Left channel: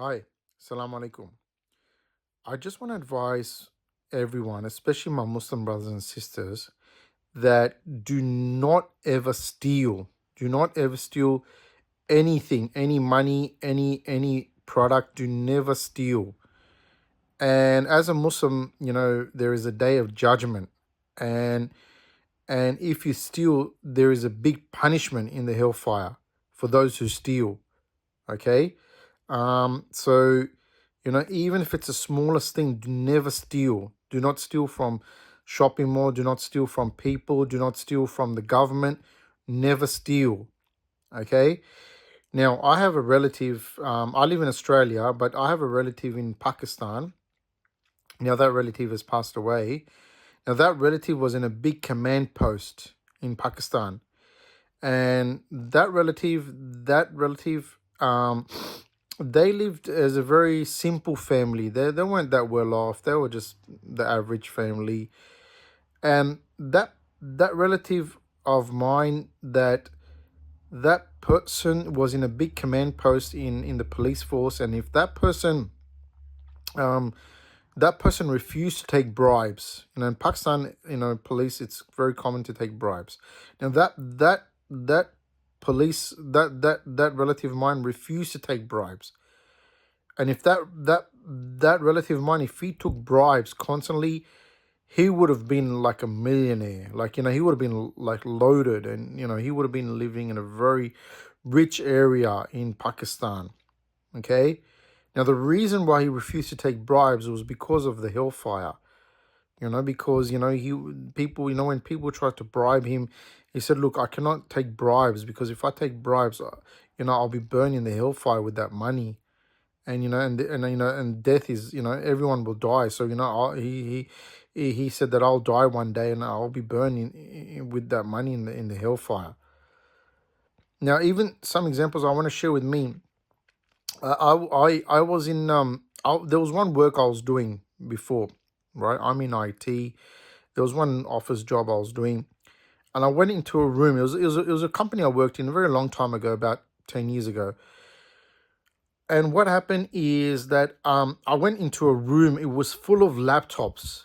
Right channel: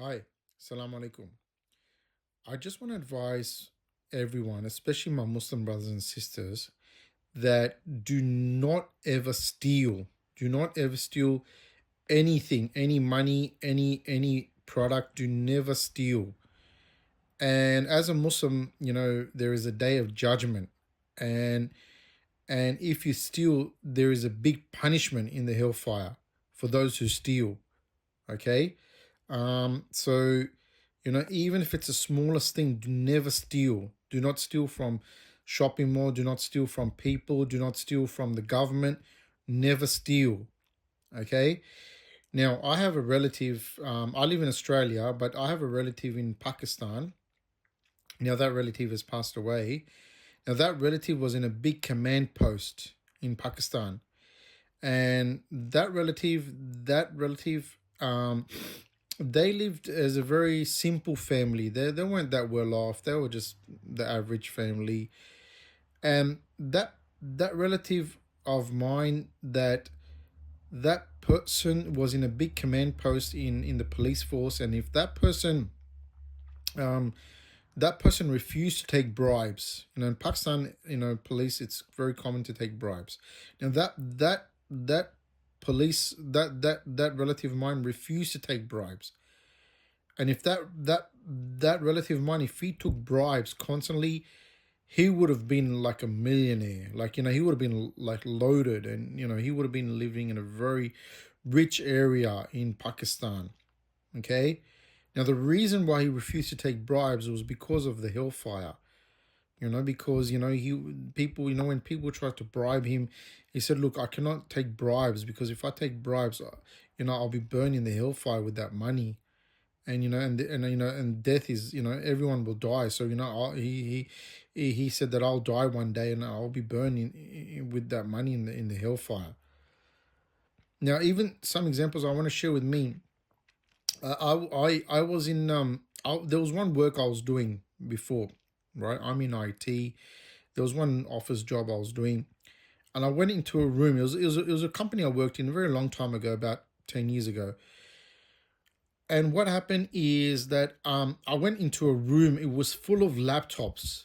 Hi, Assalamu alaikum. I just want to advise everyone, especially my Muslim brothers and sisters, that do not ever steal. Do not ever steal anything, any money, any product. Do never steal. And as a Muslim, there is a day of judgment, and and if you steal, there is a big punishment in the hellfire for those who steal. Okay. So, even if it's the smallest thing, do never steal. Do not steal from shopping mall. Do not steal from people. Do not steal from the government. Never steal. Okay. Now, I have a relative. I live in Australia, but I have a relative in Pakistan. Now, that relative has passed away. Now, that relative was in a big command post in Pakistan, and that relative, they lived as a very simple family. They weren't that well off. They were just the average family. And that relative of mine, that person was in a big command post in the police force. And if um that person refused to take bribes, in Pakistan, police, it's very common to take bribes. Now that police that relative of mine refused to take bribes. And if that relative of mine, if he took bribes constantly, he would have been like a millionaire. Like, he would have been like loaded, and he would have been living in a very rich area in Pakistan. Okay. Now, the reason why he refused to take bribes was because of the hellfire. Because when people tried to bribe him, he said, "Look, I cannot take bribes, because if I take bribes, I'll be burned in the hellfire with that money." And and death is, everyone will die. So he said that I'll die one day and I'll be burning with that money in the hellfire. Now, even some examples I want to share with me. I was in there was one work I was doing before, right? I'm in IT. There was one office job I was doing, and I went into a room. It was a company I worked in a very long time ago, about 10 years ago. And what happened is that I went into a room. It was full of laptops,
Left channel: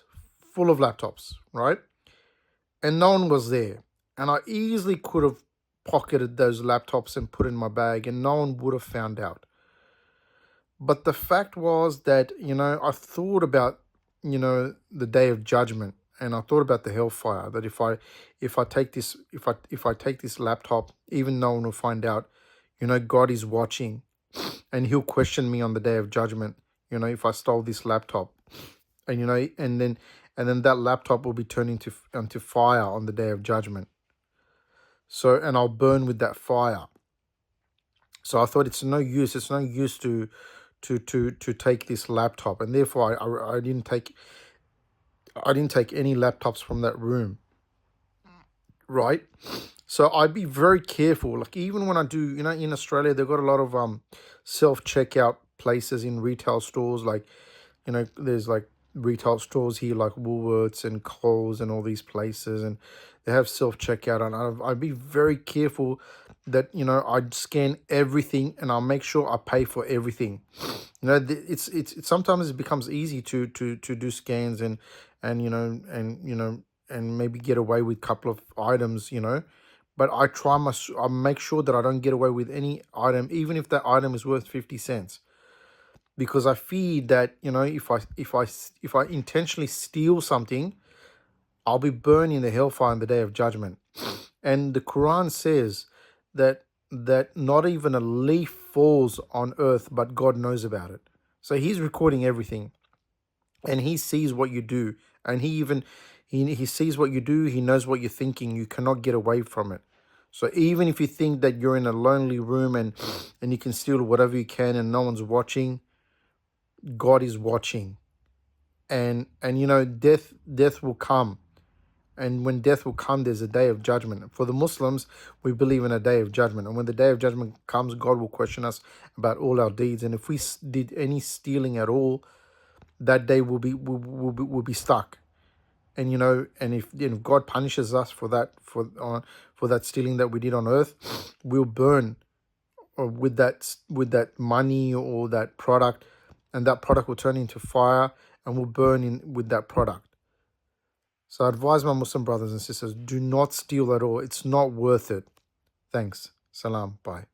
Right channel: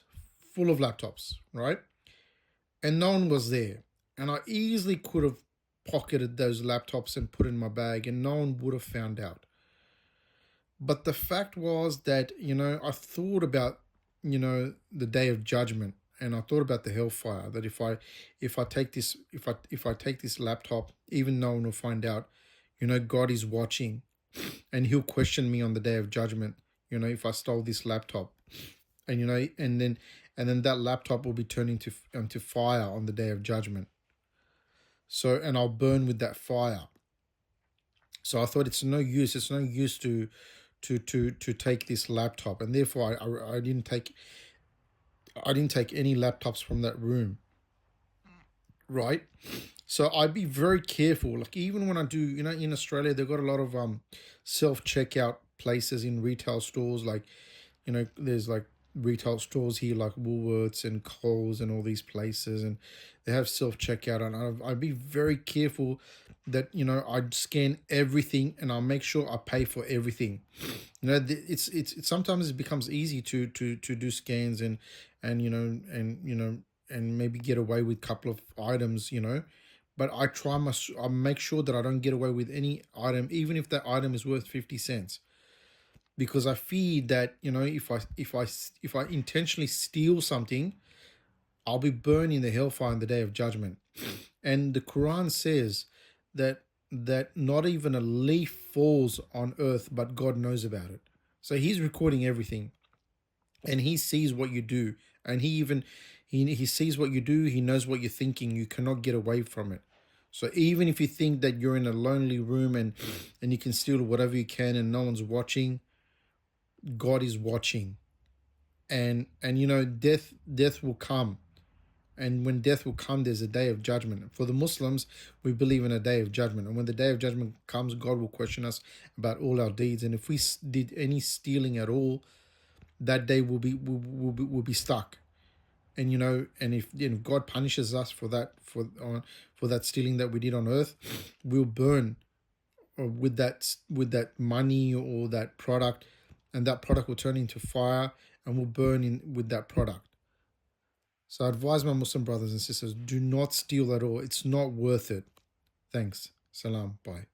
right? And no one was there. And I easily could have pocketed those laptops and put in my bag, and no one would have found out. But the fact was that, I thought about, the day of judgment, and I thought about the hellfire. That if I take this laptop, even no one will find out. God is watching, and he'll question me on the day of judgment, if I stole this laptop. And and then that laptop will be turned into fire on the day of judgment. So, and I'll burn with that fire. So I thought, it's no use to take this laptop, and therefore I didn't take any laptops from that room, right? So I'd be very careful. Like, even when I do, in Australia, they've got a lot of self-checkout places in retail stores. Like, there's like retail stores here, like Woolworths and Coles and all these places, and they have self-checkout. And I'd be very careful that, I'd scan everything, and I'll make sure I pay for everything. It's sometimes it becomes easy to do scans and maybe get away with a couple of items, but I make sure that I don't get away with any item, even if that item is worth 50 cents. Because I fear that, if I intentionally steal something, I'll be burned in the hellfire on the day of judgment. And the Quran says that not even a leaf falls on earth, but God knows about it. So he's recording everything, and he sees what you do, and he sees what you do. He knows what you're thinking. You cannot get away from it. So even if you think that you're in a lonely room and you can steal whatever you can and no one's watching, God is watching. And death will come. And when death will come, there's a day of judgment. For the Muslims, we believe in a day of judgment. And when the day of judgment comes, God will question us about all our deeds. And if we did any stealing at all, that day will be stuck. And and if God punishes us for that, for that stealing that we did on earth, we'll burn or with that money or that product, and that product will turn into fire and will burn in with that product. So I advise my Muslim brothers and sisters, do not steal at all. It's not worth it. Thanks. Salam. Bye.